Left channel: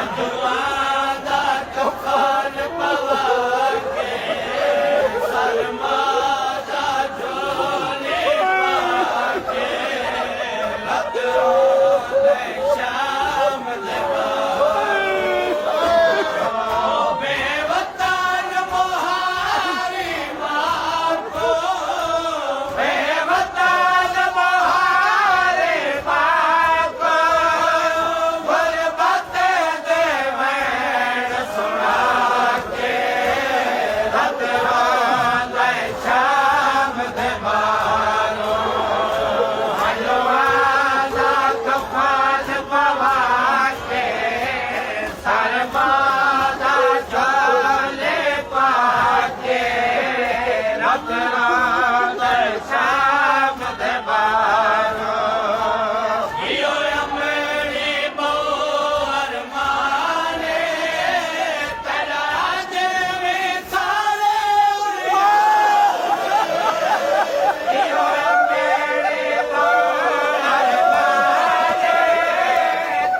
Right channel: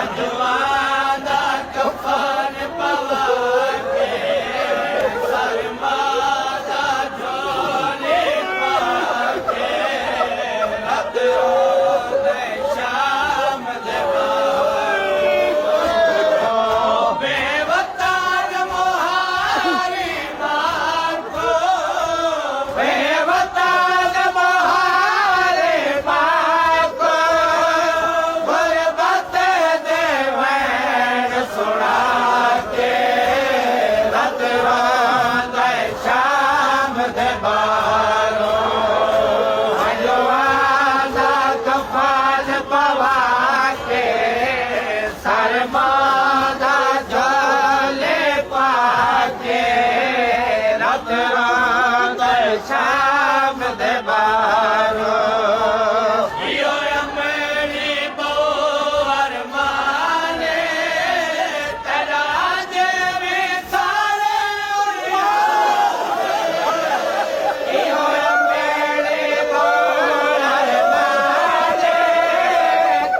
अजवादा कफन पवाके सरमादा झोले पाके रत रोज़ शाम लगारो ओ बेवतार मोहारी मार को बेवतार मोहारी मार को गुरबते देवैन सुना के रत रोज़ शाम दबारो अजवादा कफन पवाके सरमादा झोले पाके रत रोज़ शाम दबारो इहो अमरी बहु अरमाने करा देवे सारे इहो अमरी बहु अरमाने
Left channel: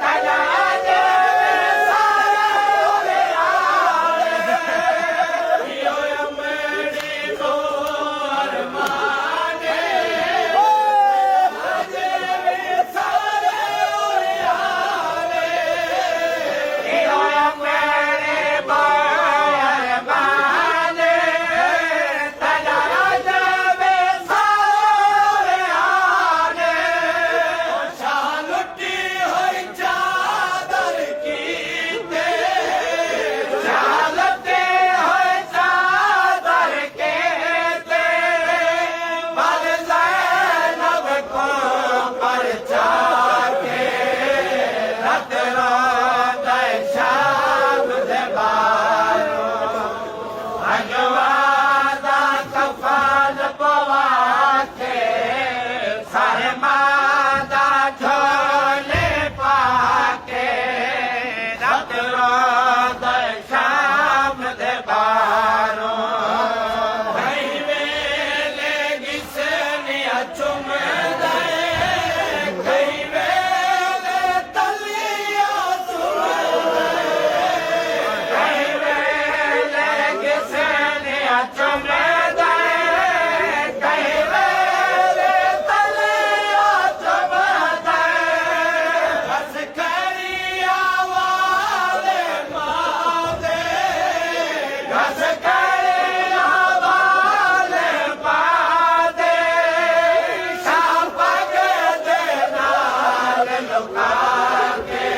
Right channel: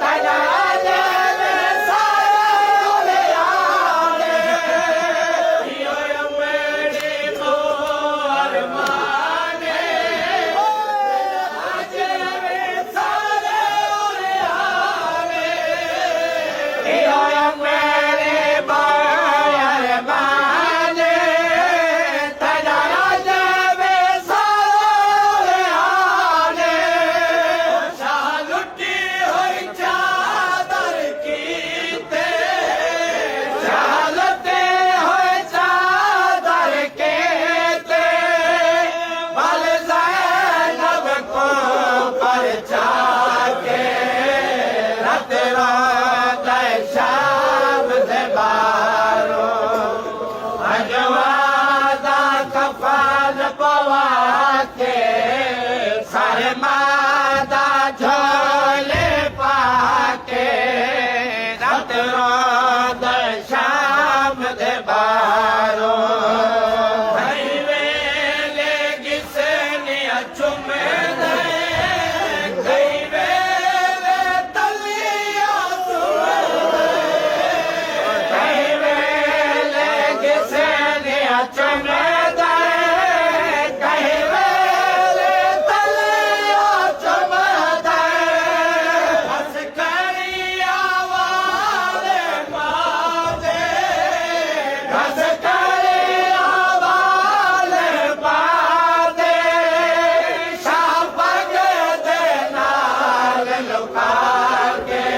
करा देवे सारे इहो अमरी बहु अरमाने अजवादा कफन पवाके सरमादा झोले पाके रत रोज़ शाम दबारो कहीं वेले गिसनिया चुमदे कहीं वेले तलिया चुमदे कहीं वेले गिसनिया चुमदे कहीं वेले तलिया चुमदे बस करिया वाले मादे बस करिया वाले मादे शाबग दे नाल लुका के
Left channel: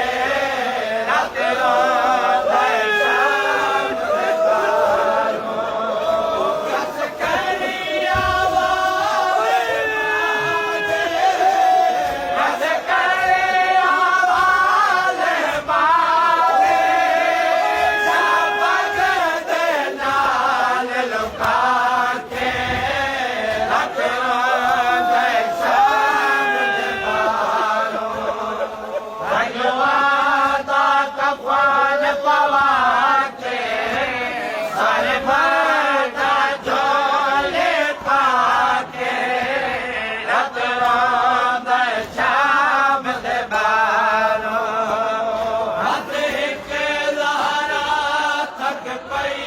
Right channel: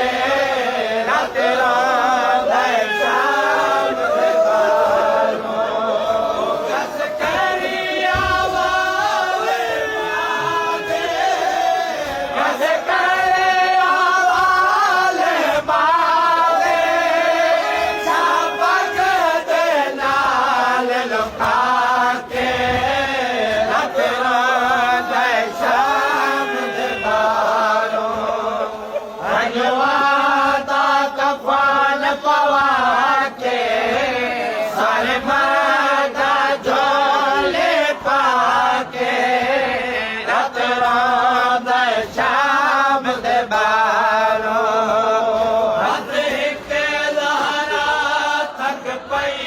रत रोज़ शाम बस करिया वाले मादे बस करिया वाले मादे शाबग दे नाल लुका के रत रोज़ शाम दबारो अजवादा कफन पवाके सरमादा झोले पाके रत रोज़ शाम दबारो बद हिक लहरा थक पई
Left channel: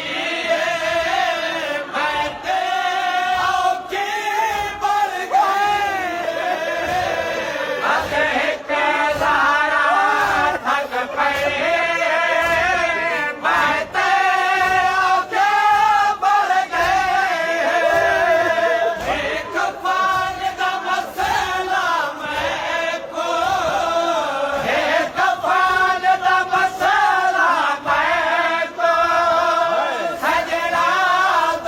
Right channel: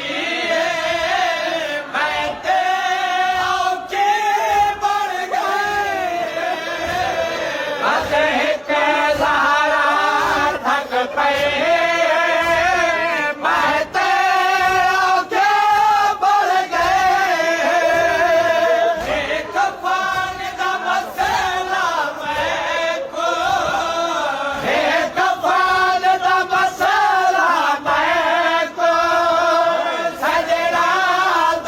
मैं ते औखे बढ़ गए बद हिक लहरा थक पई मैं ते औखे बढ़ गए एक कफन दा मसला मैं को एक कफन दा मसला मैं को सजरा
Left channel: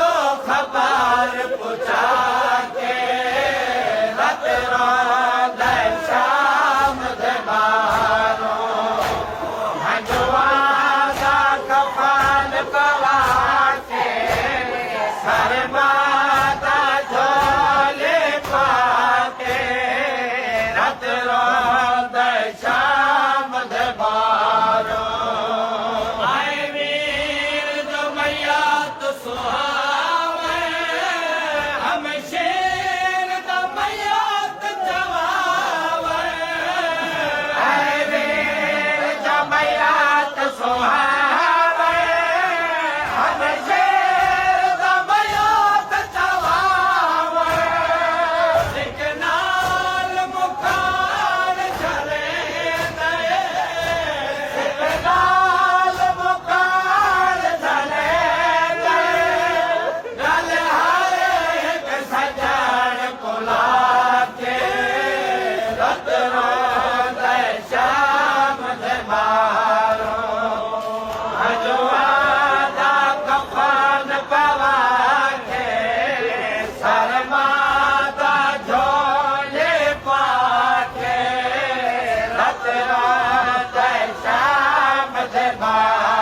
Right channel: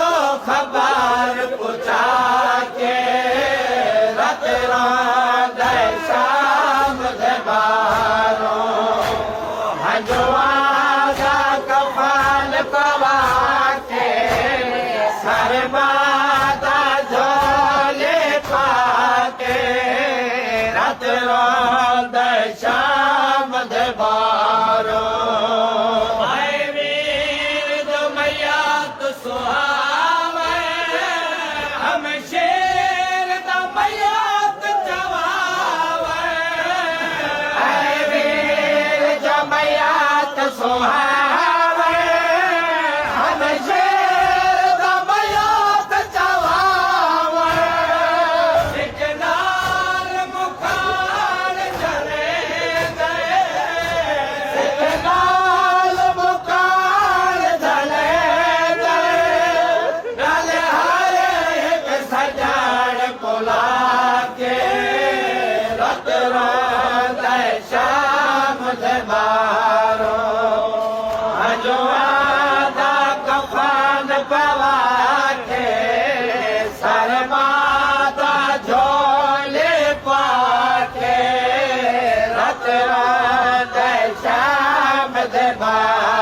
दो खबर पूछा के रत रोज़ शाम दबारो अजवादा कफन पवाके सरमादा झोले पाके रत रोज़ शाम दबारो आए वीर जो मैया तो सुहावे हम शेर दा मैया तो जवावे आए वीर जो मैया शब्द बारो